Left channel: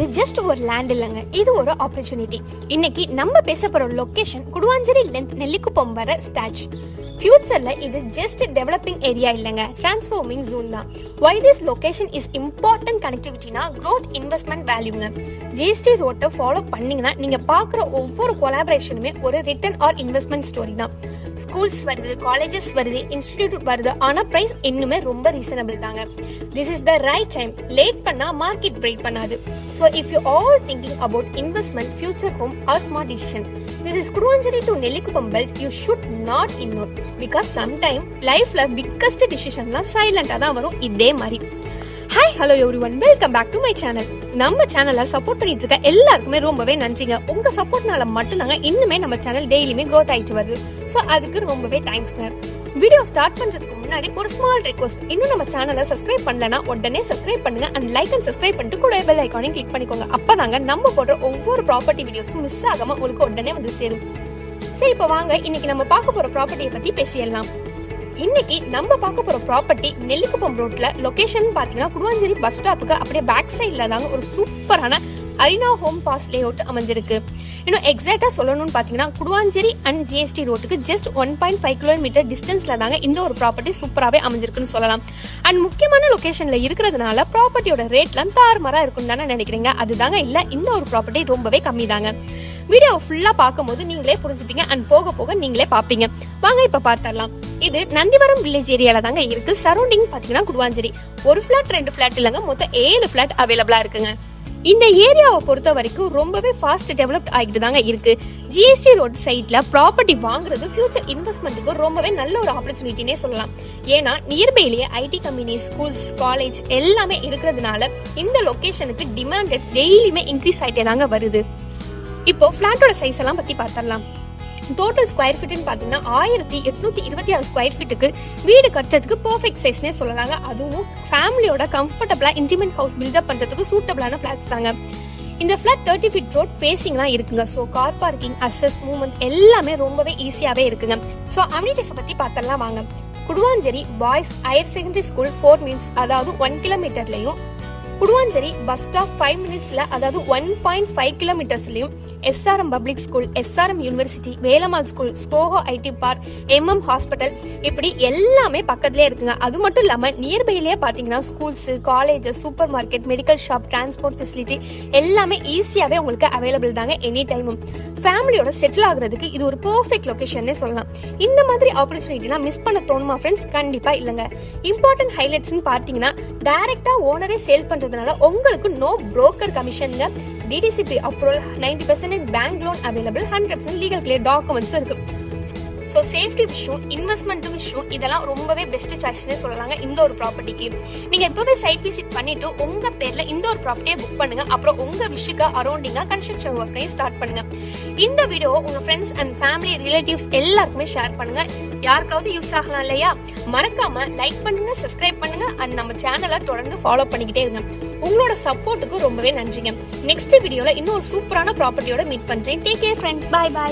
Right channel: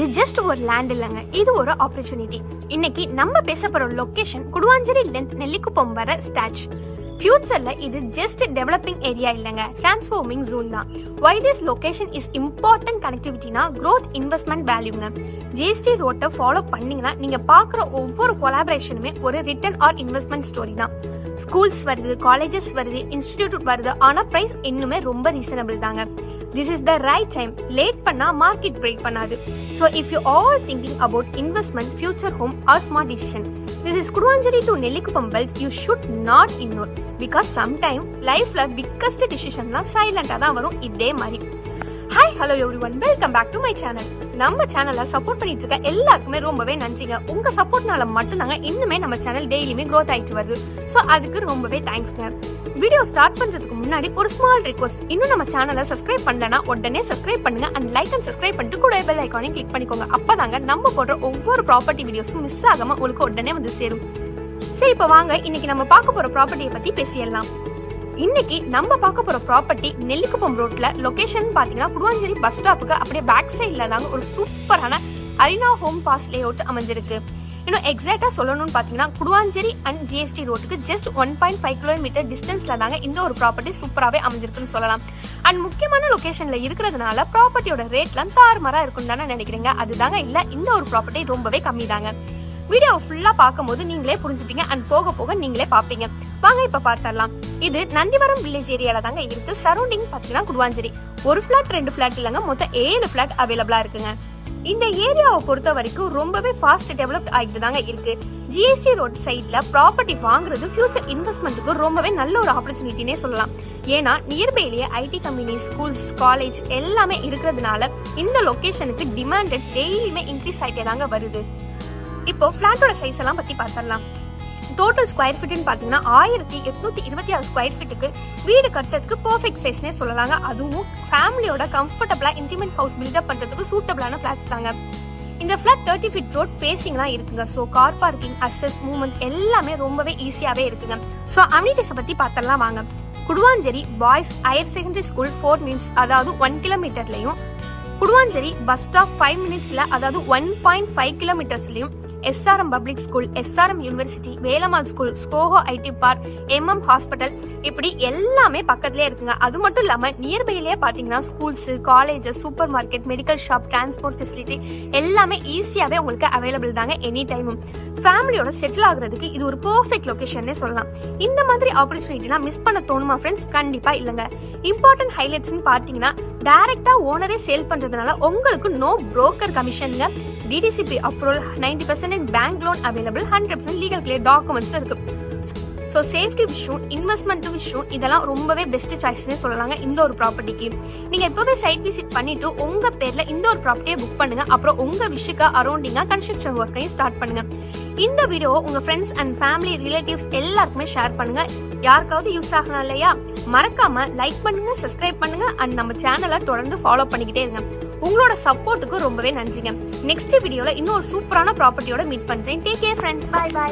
இது ஜஸ்ட் ஒரு லேண்ட் இல்லங்க, இது ஒரு ஆப்பர்ச்சுனிட்டி. இன்னைக்கு நம்ம பேச போற லொகேஷன் குடுவாஞ்சேரி லென்த் நெல்லிக்குப்பம் வர ஸ்டாச். ஃபியூச்சர்ல இது ஜஸ்ட் டெவலப்பிங் ஏரியா இல்லங்க, டிரான்ஸ்ஃபார்மிங் ஜோன் தான். Why this location is important connectivityனா growth investment valueங்க. ஜிஎஸ்டி ரோட்டை ஃபாலோ பண்ணீங்கன்னா நீங்க பாக்குற ஒவ்வொரு கொலாபரேஷனுமே ஒரு ரிட்டர்ன் ஆர் இன்வெஸ்ட்மெண்ட் ஸ்டோரி தான். ஸ்கூல்ஸ் வருது, காலேஜஸ் வருது, இன்ஸ்டிடியூட் வருது, ஆனா பிரைஸ் இன்னுமே ரொம்ப ரீசனபிள் தாங்க. This is the right time. Late பண்ணா மார்க்கெட் பிரேக் பண்ணாது. So if you all thinking about investment, future home or smart decision, this is Kuduvanjeri to Nellikuppam belt you should not ignore. Because sometime lifeல biggest decisionலாம் சைலண்டா தான் வரும். இதே மாதிரி. Hi hello everyone, welcome back to my channel. நம்ம சேனலை support பண்ணிட்டு இருக்க எல்லாருக்குமே ரொம்பவே நன்றிங்க. உங்க சப்போர்ட்னால மட்டும் தாங்க இன்னுமே நம்ம சேனல் டெய்லியுமே க்ரோத் ஆயிட்டு வருது. ஸோ அதுக்கு ரொம்பவே தேங்க்ஸ்ங்க. வீடியோ ஸ்டார்ட் பண்றதுக்கு முன்னாடி ஒரு ஸ்மால் ரிக்வெஸ்ட். இன்னும் நம்ம சேனலை சப்ஸ்கிரைப் பண்ணலனா உடனே சப்ஸ்கிரைப் பண்ணுங்க அண்ட் லைக் அண்ட் சப்ஸ்கிரைப் பண்ணிட்டு கூட பெல் ஐகானை கிளிக் பண்ணிக்கோங்க. அப்பதாங்க நம்ம போடுற ஒவ்வொரு ப்ராப்பர்ட்டி வீடியோஸும் மிஸ் ஆகாம உங்களுக்கு உடனே வந்து சேரும். சரி, இப்போ வாங்க இன்னைக்கு நம்ம பார்க்க போற ப்ராப்பர்ட்டியை பத்தி பேசிடலாம். இன்னைக்கு நம்ம பார்க்க போற ப்ராப்பர்ட்டி நெல்லிக்குப்பம் ரோட்ல லொகேஷன் பாத்தீங்கன்னா குடுவாஞ்சேரி பஸ் ஸ்டாப்புக்கு அப்படியே பேக் சைட்ல தாங்க ஒரு சூப்பரான அரினா ஹோம் பாஸ் லே அவுட் அமைஞ்சிருக்கு. இன்னும் எக்ஸாக்டா சொல்லணும்னு பாத்தீங்கன்னா குடுவாஞ்சேரி அண்ட் ஜிஎஸ்டி ரோட்டுக்கு ஜஸ்ட் 1.5 கிலோமீட்டர் டிஸ்டன்ஸ்ல தாங்க இந்த ஒரு ப்ராப்பர்ட்டி சூப்பராகவே அமைஞ்சிருக்குன்னு சொல்லலாம். அண்ட் முக்கியமான லொகேஷன்ல இருக்கிறதுனால ப்ராப்பர்ட்டியோட ரேட்லாம் தாறுமாறா இருக்கும் தானே நினைக்கிறீங்க. அதுதாங்க இல்ல, இந்த ஒரு ப்ராப்பர்ட்டி ரொம்பவே கம்மி தாங்க. வீடியோ ஃபுல்லா பார்க்கும்போது நீங்களே புரிஞ்சுப்பீங்க அண்ட் போக போக நீங்களே பாப்பீங்க. வாங்க இப்ப பார்த்தரலாம். இது நந்திவரம் வில்லேஜ் ஏரியால தாங்க இருக்கு. சரௌண்டிங் பாத்தீங்கன்னா குடுவாஞ்சேரி. ஒரு பிளாட் 2 பிளாட் இல்லங்க, மொத்தம் 7 பிளாட் அவைலபிளா இருக்குங்க. இந்த ஏரியாவை பொறுத்த வரைக்கும் ரொம்பவே ஃபாஸ்ட் டெவலப்ட் ஆகிட்டு தாங்க இருக்கு. ஜிஎஸ்டி ரோட் சைட்ல ப்ராப்பர்ட்டி வாங்குறது ஃபியூச்சர் இன்வெஸ்ட்மெண்ட்டுக்கு ரொம்பவே நல்ல ஒரு ஆப்பர்ச்சுனிட்டினே சொல்லலாம். ஏன்னா நியர்பைலேயே ஐடி கம்பெனி, ஸ்கூல்ஸ், காலேஜ் எல்லாமே இருக்கிறதுனால இந்த லொகேஷனுக்கு டிமாண்ட் டெய்லியுமே இன்க்ரீஸ் ஆயிட்டே தாங்க வருது. இப்போ பிளாட்டோட சைஸ் எல்லாம் பத்தி பார்த்தரலாம். டோட்டல் ஸ்கொயர் ஃபீட்னு பாத்தீங்கன்னா 1826 ஸ்கொயர் ஃபீட்டுக்கு வீடு கட்டுறதுக்கு பெர்ஃபெக்ட் சைஸ்னே சொல்லலாங்க. அதுவும் ஃபேமிலியோட கம்ஃபர்டபிளா இன்டிமேட் ஹவுஸ் பில்டப் பண்றதுக்கு சூட்டபிளான பிளாட்ஸ் தாங்க. இந்த பிளாட் 30 ஃபீட் ரோட் பேசிங் தான் இருக்குங்க. So car parking, access, movement எல்லாமே ரொம்பவே ஈஸியாவே இருக்குங்க. சோ அம்னிட்டிஸ் பத்தி பார்த்தரலாம் வாங்க. Guduvancheri boys higher secondary school 4 minutes, அதாவது 1 கிலோமீட்டர்லயும், குடுவாஞ்சேரி பஸ் ஸ்டாப் 5 மினிட்ஸ்ல, அதாவது 1.5 கிலோமீட்டர்ஸ்லயும், SRM public school, SRM university, Velammal school, Zoho IT park, MM hospital, இப்படி எல்லாமே பக்கத்துலயே இருக்குங்க. அது மட்டும் இல்லாம நியர்பைலயே பாத்தீங்கன்னா schools, colleges, super market, medical shop, transport facility எல்லாமே ஈஸியாவே உங்களுக்கு அவைலபிள் தாங்க எனி டைமும். ஃபேமிலியோட செட்டில் ஆகுறதுக்கு இது ஒரு பெர்ஃபெக்ட் லொகேஷன் சொல்லலாம். இந்த மாதிரி ஆப்பர்ச்சுனிட்டிலாம் மிஸ் பண்ண தோணுமா ஃப்ரெண்ட்ஸ்? கண்டிப்பா இல்லங்க. இம்பார்ட்டன்ட் ஹைலைட்ஸ் பாத்தீங்கன்னா டைரக்டா ஓனரே சேல் பண்றதுனால உங்களுக்கு நோ புரோக்கர் கமிஷன்ங்க. DTCP approval, 90% bank loan available, 100% legal clear documents இருக்கு. ஸோ சேஃப்டி விஷயம், இன்வெஸ்ட்மெண்ட் விஷயம், இதெல்லாம் ரொம்பவே பெஸ்ட் சாய்ஸ்னே சொல்லலாங்க இந்த ஒரு ப்ராப்பர்ட்டிக்கு. நீங்க எப்போவே சைட் விசிட் பண்ணிட்டு உங்க பேர்ல இந்த ஒரு ப்ராப்பர்ட்டியை புக் பண்ணுங்க. அப்புறம் உங்க விஷுக்கு அரௌண்டிங்கா கன்ஸ்ட்ரக்ஷன் ஒர்க்கையும் ஸ்டார்ட் பண்ணுங்க. இந்த வீடியோ உங்க ஃப்ரெண்ட்ஸ் அண்ட் ஃபேமிலி ரிலேட்டிவ்ஸ் எல்லாருக்குமே ஷேர் பண்ணுங்க. யாருக்காவது யூஸ் ஆகலாம் இல்லையா? மறக்காம லைக் பண்ணுங்க, சப்ஸ்கிரைப் பண்ணுங்க அண்ட் நம்ம சேனலை தொடர்ந்து ஃபாலோ பண்ணிக்கிட்டே இருங்க. உங்களோட சப்போர்ட்டுக்கு ரொம்பவே நன்றிங்க. நெக்ஸ்ட் வீடியோல இன்னொரு சூப்பரான ப்ராப்பர்ட்டியோட மீட் பண்றேன். Take care friends, bye by.